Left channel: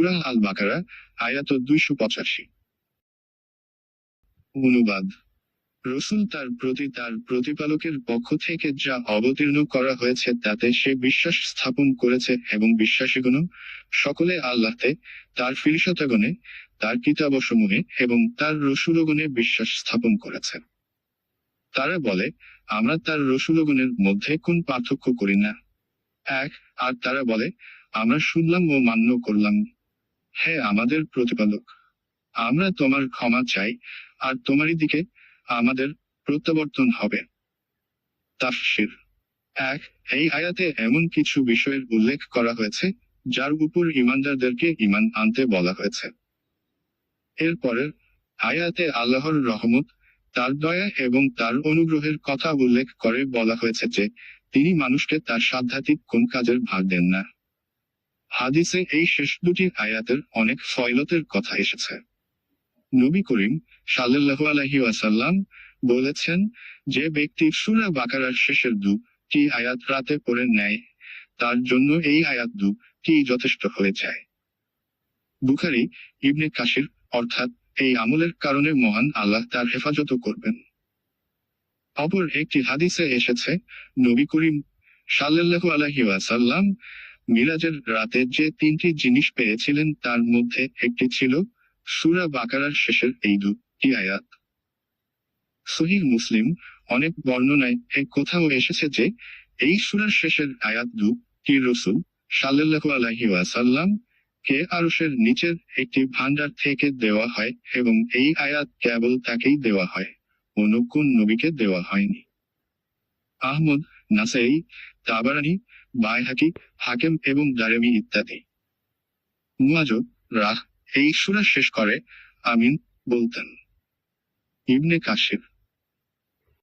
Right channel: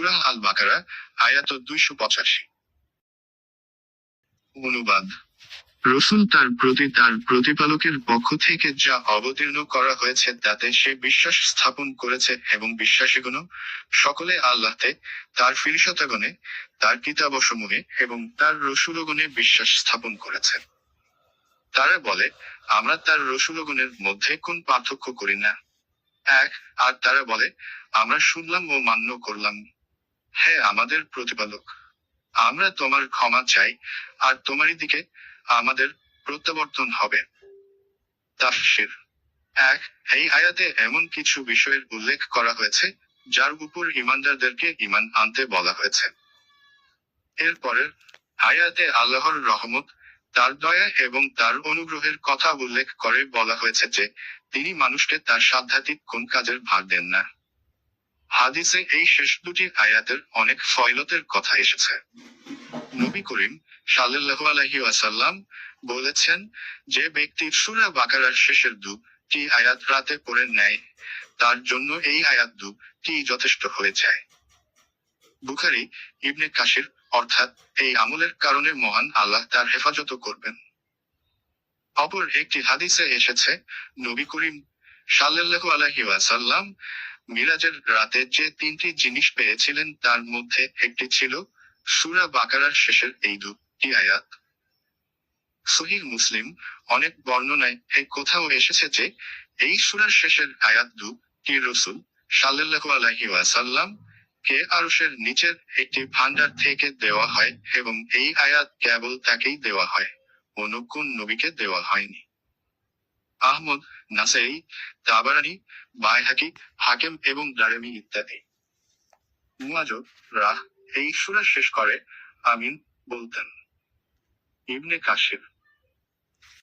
সূরা আল বাকারা, আয়াত 285। অনুবাদ: রসূল তার প্রতি তার প্রতিপালকের পক্ষ থেকে যা অবতীর্ণ করা হয়েছে তাতে সে বিশ্বাস স্থাপন করেছে এবং বিশ্বাসীগণ সকলে আল্লাহতে, তার ফিরিশতাগণে, তার কিতাবসমূহে এবং তার রসূলগণে বিশ্বাস স্থাপন করেছে। তারা বলে, আমরা তার রসূলগণের মধ্যে কোন পার্থক্য করি না। আর তারা বলে, আমরা শুনলাম ও মান্য করলাম। হে আমাদের প্রতিপালক, আমরা তোমার ক্ষমা চাই, আর তোমারই দিকে আমাদের প্রত্যাবর্তন হবে। তাফসীর: এই আয়াতে এমন কিছু বিষয়ের উল্লেখ করা হয়েছে যার উপর ঈমানদারদেরকে ঈমান আনতে বলা হয়েছে। এর পরের আয়াতে আল্লাহর রহমত, তার দয়া এবং তার অনুগ্রহের কথা উল্লেখ করে বলা হয়েছে যে তিনি মানুষকে তার সাধ্যাতীত কোন কাজের ভাগ দেন না। হাদিসে এই শেষ দুটি আয়াতের অনেক ফয়লতের কথা এসেছে। নবী করিম সাল্লাল্লাহু আলাইহি ওয়াসাল্লাম বলেছেন, যে ব্যক্তি সূরা বাকারার শেষের দুটি আয়াত রাতে পড়ে নেয়, তার জন্য এই আয়াত দুটি যথেষ্ট হয়ে যায়। বুখারী, ইবনে কাসির, অর্থাৎ এই আমলের কারণে মহান আল্লাহ তার হেফাজত করবেন। অপর একটি হাদিসে এসেছে, নবী করিম সাল্লাল্লাহু আলাইহি ওয়াসাল্লাম মিরাজের রাতে যে তিনটি জিনিস পেয়েছিলেন তার মধ্যে একটি ছিল সূরা বাকারার শেষের এই দুটি আয়াত। সহিহ মুসলিম অনেক বর্ণনায় এই কথাও এসেছে যে এই সূরার শেষের আয়াত দুটি রাসূল সাল্লাল্লাহু আলাইহি ওয়াসাল্লাম কে আরশের নিচের একটি ভান্ডার থেকে দেওয়া হয় এবং এই আয়াত কেবল তাকেই দেওয়া হয়, অন্য কোন নবীকে দেওয়া হয়নি। আহমদ, নাসাঈ, তাবারানী, বাইহাকী, হাকিম এবং দারমি ইত্যাদি। মুয়াজ রাহ এই সূরা শেষ করে আমিন বলতেন। ইবনে কাসির